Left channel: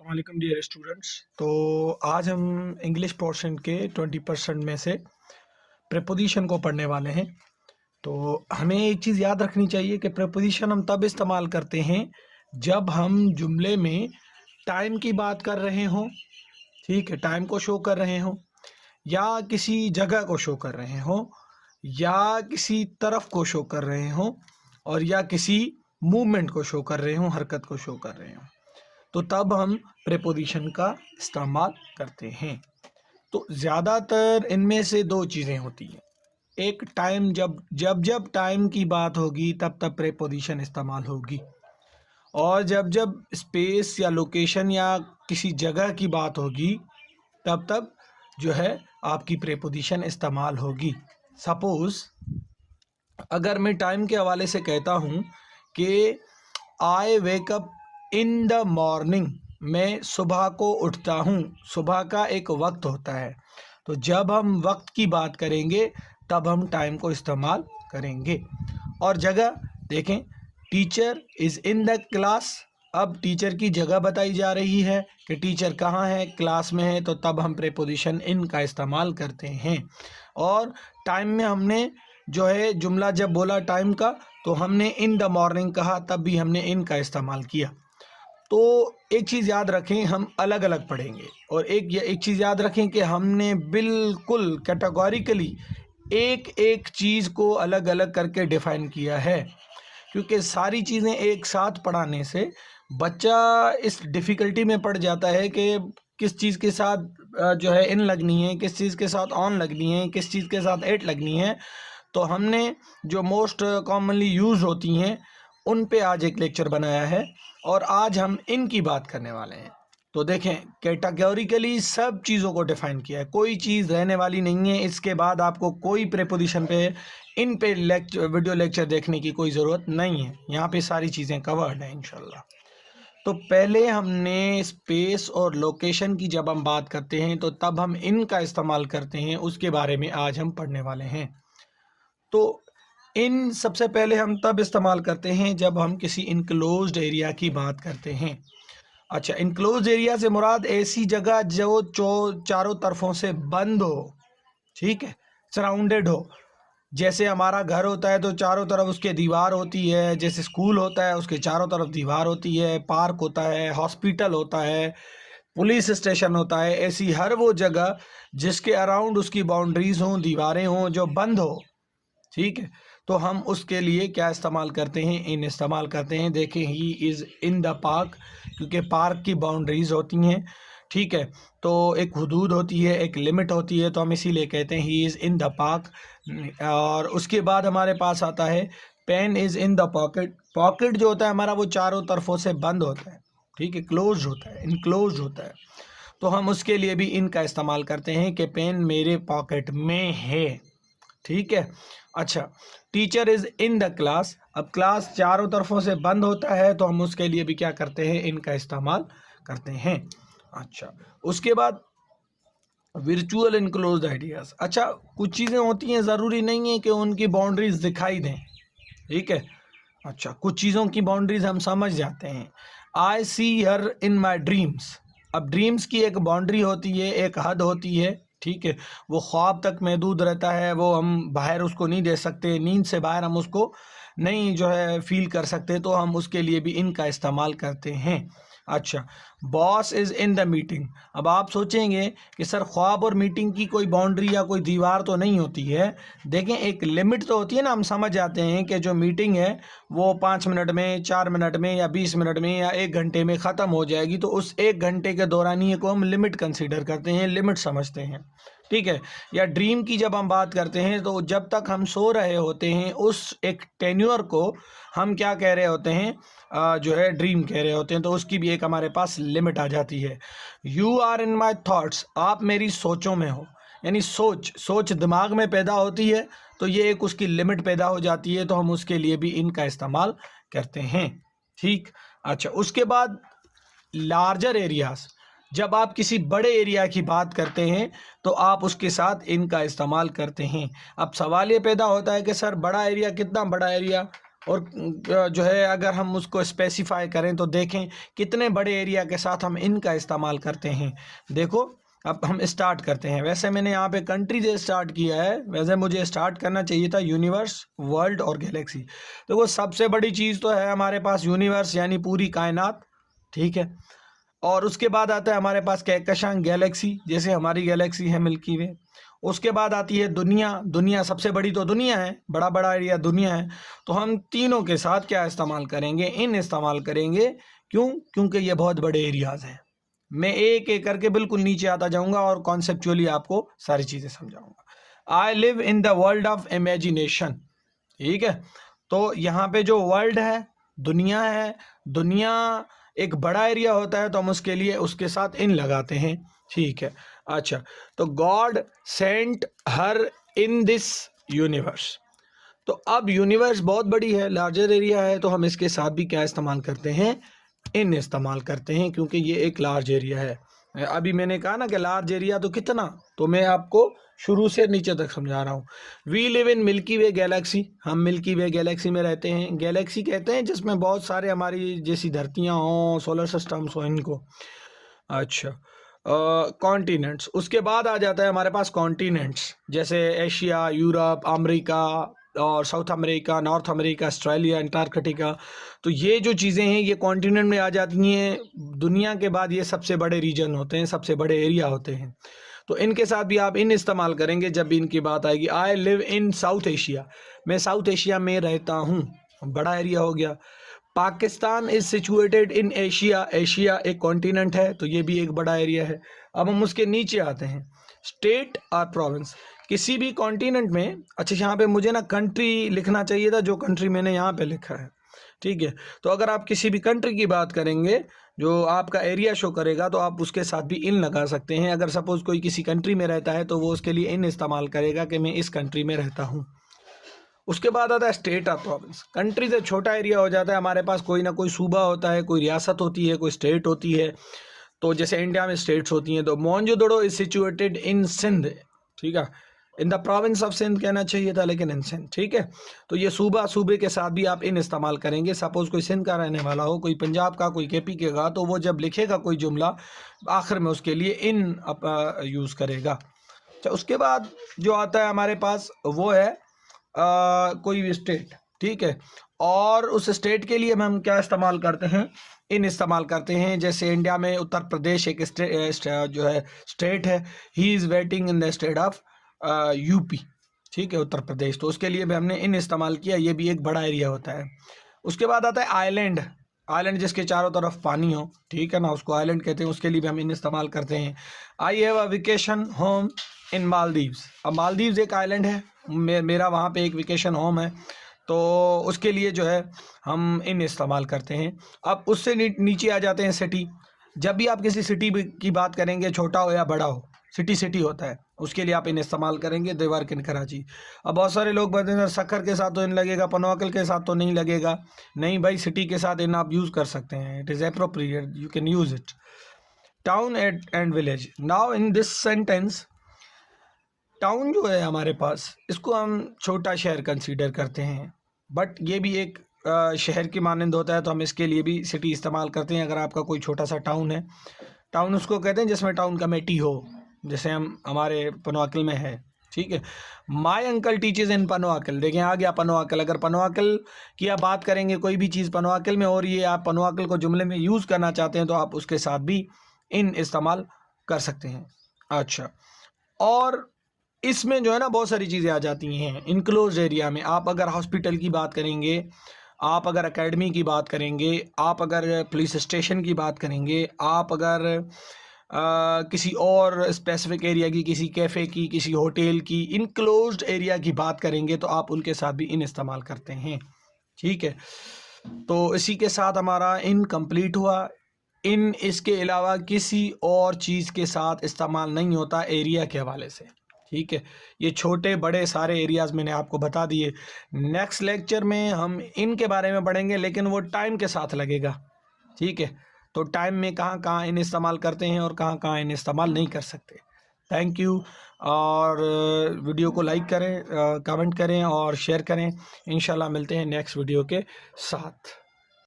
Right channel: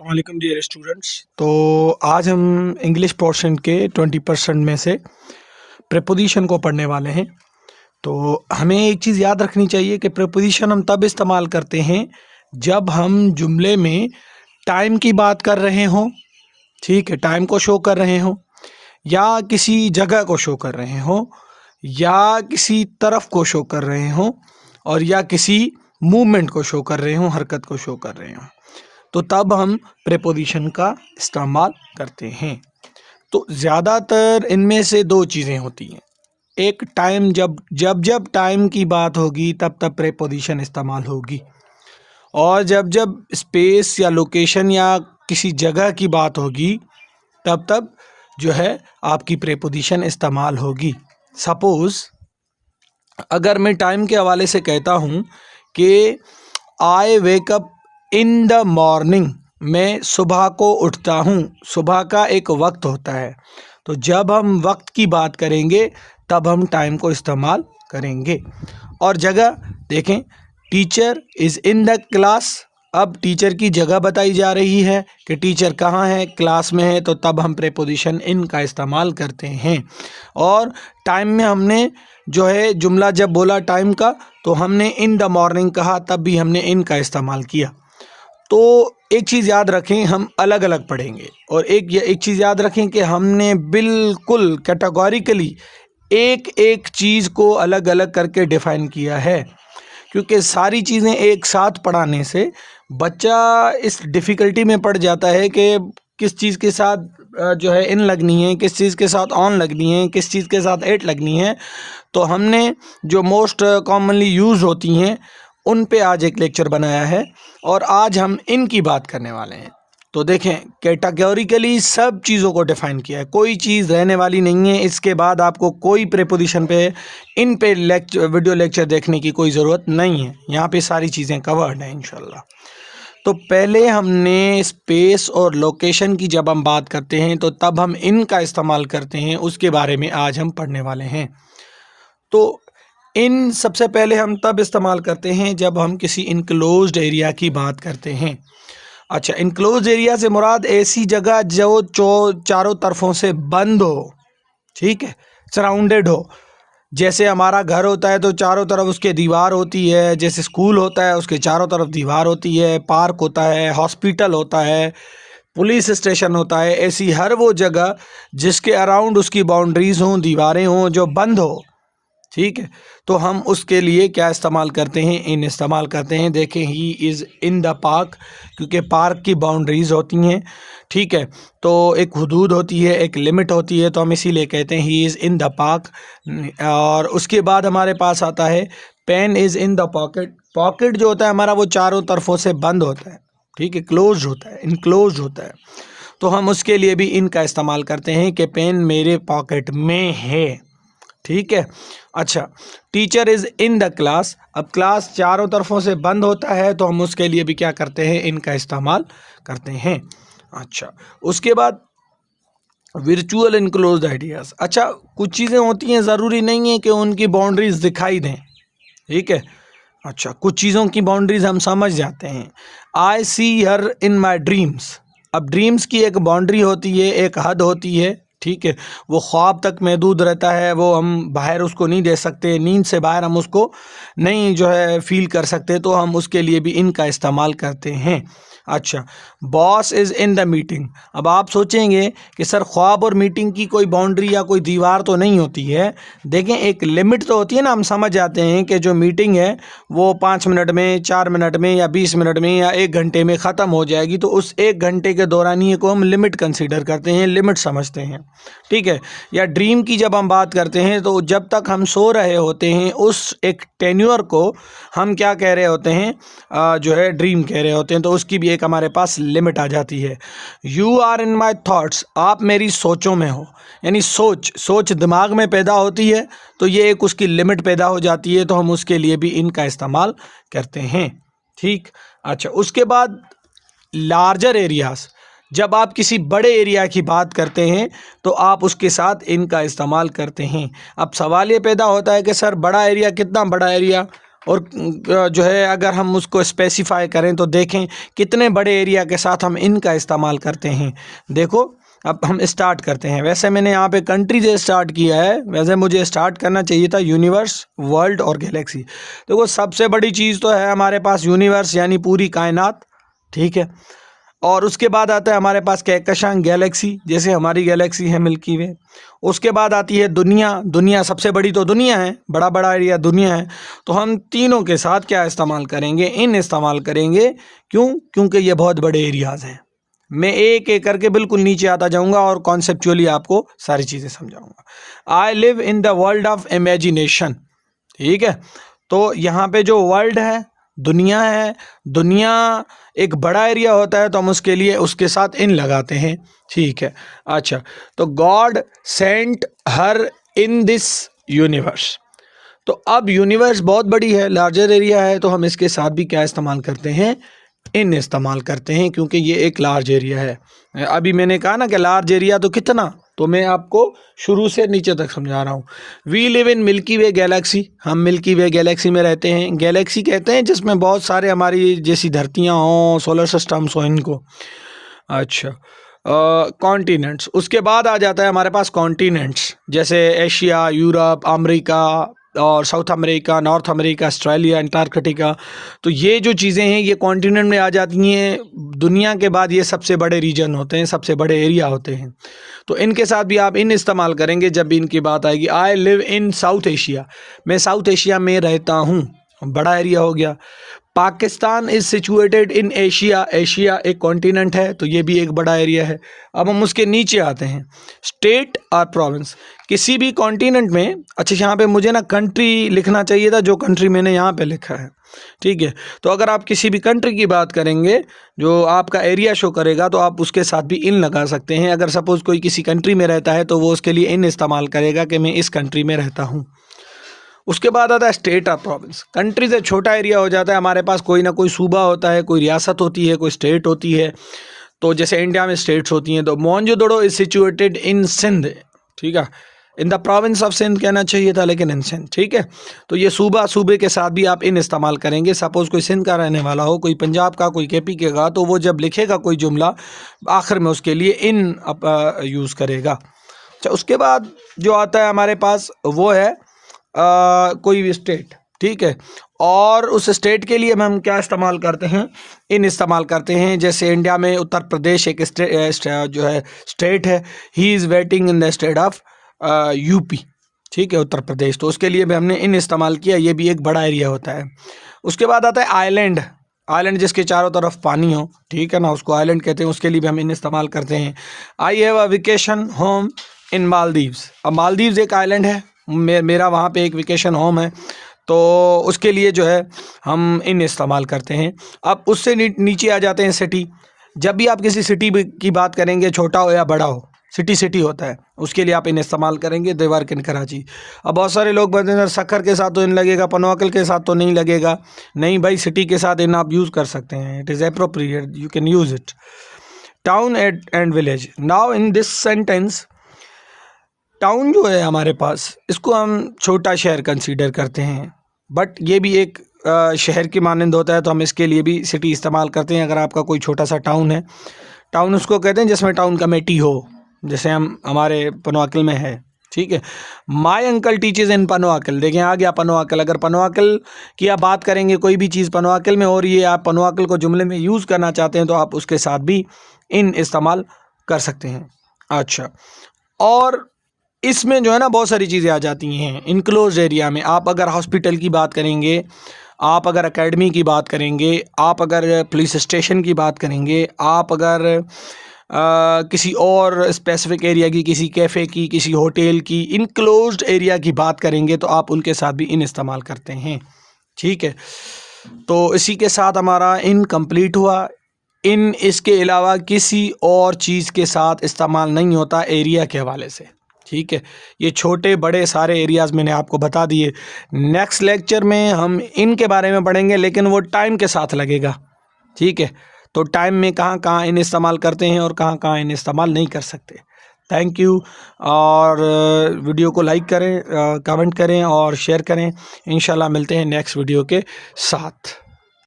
वालेकुम dear students. तो आज हम इंग्लिश पोर्शन के 20% में से प्रेपोजिशन को पढ़ने वाले हैं। तो हमें एक चीज़ याद रखनी चाहिए कि प्रेपोजिशन हम तब इस्तेमाल करते हैं जब हम जुमले में टाइम की बात कर रहे हों, ठीक है, टाइम को शो कर रहे हों, या किसी जगह को शो कर रहे हों, या किसी तरफ को शो कर रहे हों, और या किसी मूवमेंट को शो कर रहे हों, हरकत को शो कर रहे हों, तो तब हम प्रेपोजिशन का इस्तेमाल करते हैं। तो ज़्यादातर इनमें से दो चीज़ें होती हैं। एक टाइम, जब टाइम की बात होगी तब तब प्रेपोजिशन इस्तेमाल होगी, और जब जब स्पेस या लोकेशन या किसी जगह की बात होगी तब तब जो है आपकी प्रेपोजिशन इस्तेमाल होगी। सपोज़ अगर मैं टाइम के हवाले से कहता हूँ कि I wake up in the morning, मैं सुबह को उठता हूँ, सुबह का एक वक्त होता है। तो जब हम वक्त की बात करेंगे तब हम टाइम को इस्तेमाल करेंगे। और जगह देखें, teacher is in the class, अब टीचर की जगह बताई जा रही है कि टीचर कहाँ है, क्लास में है, तो तब हम प्रेपोजिशन इन का इस्तेमाल करते हैं। और टाइम में हमने जो है जुमला जब बोला टाइम का, तो हमने इन द मॉर्निंग कहा, तब भी हमने इन का इस्तेमाल किया। तो एक चीज़ याद रखें, हम अलग अलग पढ़ेंगे, और एक चीज़ याद रखें कि हमने बिल्कुल कैटेगोरिकली एक एक चीज़ को अलग अलग करके डिफ़ाइन किया है, क्योंकि सारी चीज़ें एक साथ पढ़ाने से बच्चा इस डिफ़िकल्टी में पड़ जाता है कि किस चीज़ के साथ जो है इन लगनी है, किस चीज़ के साथ ऑन लगनी है, किस चीज़ के साथ एट लगनी है। तो हमने जो मोस्ट कॉमनली यूज़ होती हैं उन पे आज एक लेक्चर बनाया है, और आज हम इनकी बात करने वाले हैं। तो देखें, कैटेगोरिकली सब चीज़ों को डिफ़ाइन किया है, कोई चीज़ रहने वाली नहीं है। इसके बाद आपको कोई प्रेपोजिशन पे इन पे वीडियो लेक्चर देखने की कोई ज़रूरत नहीं है, यहाँ पे सारी चीज़ें कवर्ड हैं इंशाल्लाह। तो पहले हमने स्पेस और लोकेशन की जब हम बात करते हैं तो तब हम इन का इस्तेमाल करते हैं, उसके बारे में आज हम पढ़ने वाले हैं। तो इन सबसे पहले हम तब इस्तेमाल करते हैं जब हम किसी इनक्लोज्ड एरिया की बात करते हैं। अच्छा, इनक्लोज्ड एरिया से मुराद ऐसी जगह जो चारों तरफों से बंद हो, ठीक है, सराउंडेड हो। जैसे हमारा घर होता है तो चारों तरफ उसके दीवार होती है, जैसे स्कूल होता है उसके चारों तरफ दीवार होती है, पार्क होता है, हॉस्पिटल होता है, पुलिस स्टेशन होता है, ऐसी हर वो जगह जिसके अराउंड उसकी बाउंड्रीज़ हों, दीवारें हों, जो बंद हो, ठीक है, तो हम उसके लिए क्या इस्तेमाल करते हैं, इन इस्तेमाल करते हैं। देखें, ही इज़ इन द पार्क, क्योंकि पार्क की बाउंड्रीज़ होती हैं, ठीक है, तो एक हुदूद होती है, एक लिमिट होती है, तो हम इसीलिए कहते हैं he is in the park. और उसके बाद हमारे पास आता है pen is in the pocket. Pocket जो होता है हमारा वो चारों तरफों से बंद होता है, ठीक है, क्लोज होता है, इनक्लोज होता है, तो हम उसके लिए भी इन का इस्तेमाल करते हैं कि पेन मेरे पॉकेट में है, ठीक है। अच्छा, teacher is in the class, अब क्लास चारों तरफों से बंद होता है तो हम उसके लिए भी क्या करते हैं, इनका इस्तेमाल करते हैं। अच्छा, उसके बाद वर्चुअल इनक्लोज्ड आइडियाज़। अच्छा, कुछ चीज़ें होती हैं ज़रूरी नहीं है कि उनकी बाउंड्रीज दिखाई दें, ठीक है। अच्छा, कुछ चीज़ों की बाउंड्रीज हम समझ जाते हैं। आई सी हर इन माई ड्रीम्स, अब ड्रीम्स की एक बाउंड्री होती है, एक हद होती है, ठीक है, वो ख्वाब तक महदूद रहता है, वो हम बाहर उसको नहीं दे सकते, नींद से बाहर हम उसको नहीं जो है फील कर सकते, तो हम उसके लिए भी इनका इस्तेमाल करते हैं। अच्छा, boss is in the meeting, अब आप सोचेंगे कि सर ख्वाब और मीटिंग की कोई बाउंड्री या कोई दीवार तो नहीं होती है। देखें, एक लिमिट तो होती है ना, हम समझ जाते हैं कि जो मीटिंग है वो 5 मिनट में, 4 मिनट में, या 20 मिनट में, या 1 घंटे में ख़त्म हो जाएगी, तो उस 1 घंटे के दौरानिए को हम लिमिट कंसीडर करते हैं, लिमिट समझते हैं, ठीक है। या ड्रीम की जब हम बात करते हैं तो जब तक हम सो रहे होते हैं उस एक टेन्योर को हम क्या कह रहे होते हैं, जो है ड्रीम कह रहे होते हैं, तो उसकी भी एक हमारे पास लिमिट आ जाती है। You are in my thoughts, आप मेरी सोचों में हो, यानी सोच दिमाग में पैदा होती है, तो ये एक उसकी लिमिट पैदा हो जाती है, तो हम उसके लिए भी इनका इस्तेमाल करते हैं, ठीक। अच्छा, उसके बाद लार्जर एरियाज़, जब आप किसी बड़े एरिया की बात करते हैं तो आप उसके साथ इनका इस्तेमाल करते हैं। अब सवाल ये पैदा होता है कि सर बड़ा एरिया, कितना बड़ा एरिया, और जो है अगर हम उसको स्पेसिफाई करें तो देखें कितने बड़े एरिया के साथ हम इन का इस्तेमाल करते हैं। देखो अब हम स्टार्ट करते हैं। वैसे मैंने यहाँ पे कंट्री से स्टार्ट किया है, वैसे मुझे स्टार्ट करना चाहिए था यूनिवर्स, वर्ल्ड और गैलेक्सी। तो वो सबसे बड़ी चीज़ तो है हमारे पास यूनिवर्स यानी पूरी कायनात, ठीक है। और उसके बाद आता है हमारे पास कहकशां गैलेक्सी, जैसे हमारी गैलेक्सी है मिल्की वे। उसके बाद आती है दुनिया। दुनिया सबसे बड़ी तो दुनिया है, बड़ा बड़ा एरिया दुनिया है। तो हम तीनों के साथ क्या इस्तेमाल करेंगे, इन इस्तेमाल करेंगे। क्यों? क्योंकि ये बहुत बड़े एरियाज़ हैं। मैं एक एक करके बिल्कुल नीचे आता जाऊंगा और कॉन्सेप्चुअली आपको सारी चीज़ें समझाऊंगा। I live in the world of imagination, ठीक है। तो यहाँ पे जो वर्ल्ड है, दुनिया है, दुनिया एक बड़ा एरिया होता है तो हम उसके लिए उसके साथ इन लगाते हैं, ठीक है। अच्छा, तो God sent her in this universe. तो अब यूनिवर्स बहुत बड़ी है, लार्जर एरिया है, तो हम इसके साथ भी क्या इस्तेमाल करते हैं, इन इस्तेमाल करते हैं, क्योंकि ये एक लार्ज एरिया है। अभी मैंने कहा ना कि लार्ज एरिया तो कितना, तो मैं आपको शुरू से नीचे तक समझा रहा हूँ। We live in Milky Way galaxy, हम मिल्की वे गैलेक्सी में रहते हैं। गैलेक्सी कहते हैं जिसमें बहुत सारे हमारी जैसी धरतियाँ हों, सोलर सिस्टम्स हों इनको। अच्छा, कॉन्टिनेंट्स, उसके बाद आ जाता है हमारे पास कॉन्टिनेंट्स, जैसे एशिया, यूरोप, अमेरिका और south America, north America, Australia, Antarctica. तो ये जो चीज़ें हैं ये कॉन्टिनेंट में आ जाती हैं। दुनिया के बाद ये सबसे बड़े रीजन होते हैं, सबसे बड़े एरिया होते हैं। तो इनके साथ भी आप इन इस्तेमाल करेंगे जब भी इनकी बात आएगी। I live in south Asia, मैं साउथ एशिया में रहता हूँ, बड़ा एरिया हो गया। Pakistan is situated in Asia, Asia एक कॉन्टिनेंट है तो ये भी एक बड़ा एरिया है। अब हम उसके नीचे आते हैं, स्टेट और प्रोविंस, किसी भी कॉन्टिनेंट में। अच्छा, यहाँ पे मुझे ना कंट्री लिखना चाहिए था, जो कंट्री मैंने यहाँ पे लिखा है, ठीक है। तो अगर आप किसी भी कंट्री की बात करेंगे जो आपका एरिया शो करेगा तो आप उसके साथ भी इन लगा सकते हैं। अगर सपोज़ कोई किसी कंट्री में रहता है तो वो उसके लिए इन इस्तेमाल करेगा कि मैं इस कंट्री में रहता हूँ। उसके बाद आता है स्टेट और प्रोविंस। कंट्री से छोटा एरिया हो जाता है, हमारे पास कोई ना कोई सूबा होता है, कोई रियासत होती है, कोई स्टेट होती है। तो जैसे इंडिया में स्टेट्स होती हैं, तो Mohenjodaro is situated in Sindh, ठीक है। In the province of Sindh कहना चाहिए था, लेकिन इन सिंध, ठीक है। तो ये सूबा, सूबे के साथ भी आप इन इस्तेमाल करेंगे। सपोज़ कोई सिंध का रहने वाला हो, कोई पंजाब का, कोई केपी के का, तो वो जब लिखेगा कोई जुमला आखिर में उसके लिए इन यूज़ करेगा। अच्छा, उसके बाद जो आता है हमारे पास वो है कोई भी स्टेट, ठीक है। और उस स्टेट के लिए हम क्या इस्तेमाल करते हैं, इन इस्तेमाल करते हैं। जैसे इंडिया में उत्तर प्रदेश एक जो है स्टेट है, he is waiting in the state of UP, ठीक है, उत्तर प्रदेश। तो उसके लिए भी हमने इन इस्तेमाल किया, ये भी एक बड़ा एरिया होता है। उसके बाद आता है आइलैंड, आइलैंड जिसके चारों तरफ पानी हो, ठीक है ना, उसको आइलैंड कहते हैं, उसके लिए भी हम इन इस्तेमाल करते हैं। I have a vacation home in Maldives. अब मालदीव्स एक आइलैंड है, मेरा वहाँ पे एक वेकेशन होम है, तो उसके लिए जो है हम इन इस्तेमाल करते हैं। अब उससे नीचे आ जाते हैं सिटी। जब भी आप किसी सिटी की बात करेंगे, छोटा हो या बड़ा हो, सिटी सिटी होता है, उसके लिए आप इन इस्तेमाल करेंगे। They work in Karachi. अब बहुत सारे लोग बोलते हैं सक्कर के साथ तो इन लगेगा, पनवाकल के साथ तो नहीं लगेगा। नहीं भाई, सिटी के साथ इन आप यूज़ कर सकते हैं, it is appropriate, you can use it. Town and village, now in this sentence, town जो है हमारे पास, इसको हम छोटा शहर कंसीडर करते हैं, बट ये भी एक शहर की मानंद होता है, तो हम इसके लिए भी सिटी इस्तेमाल करते हैं। अगर आपका कोई छोटा सा टाउन है, टाउन उसको कहते हैं जिसमें टाउन कमेटी हो, जैसे हमारे पनवाकल में है, ठीक है। माई अंकल टीचेज इन पनवाकल, देखें आ गया पनवाकल। अगर पनवाकल की आप बात करेंगे, कोई भी चीज़ पनवाकल में हो रही है, आप पनवाकल को जुमले में यूज़ करना चाहते हैं, तो आप उसके साथ भी इन इस्तेमाल कर सकते हैं। अच्छा, और इसमें जो है ना बहुत सारी चीज़ें आ जाती हैं। इनक्लोज एरिया में आप अगर हॉस्पिटल की बात करेंगे, आप अगर एकेडमी की बात करेंगे, आप अगर पुलिस स्टेशन की बात करेंगे, आप अगर किसी और स्पेसिफिक एरिया की, किसी कैफ़े की, किसी होटल की इनक्लोज्ड एरिया की बात करेंगे, तो आप उनके साथ भी इन इस्तेमाल करते हैं, ठीक है। तो इसी के साथ हमारा इन कंप्लीट हुआ। इन इसके अलावा किसी और चीज़ के साथ इस्तेमाल नहीं होता एरिया के हवाले से, ठीक है। ये छोटे बड़े सारे एरियाज़ मैंने आपको बता दिए। नेक्स्ट लेक्चर में हम इनके बारे में पढ़ेंगे, लेकिन वो टाइम के साथ लगेगा, ठीक है। तो टाइम में कहाँ कहाँ इन इस्तेमाल करते हैं और कहाँ कहाँ इन इस्तेमाल नहीं कर सकते। Thank you. और वीडियो को लाइक करें, कमेंट करें और शेयर करें। इंशाल्लाह मिलते हैं नेक्स्ट वीडियो के साथ।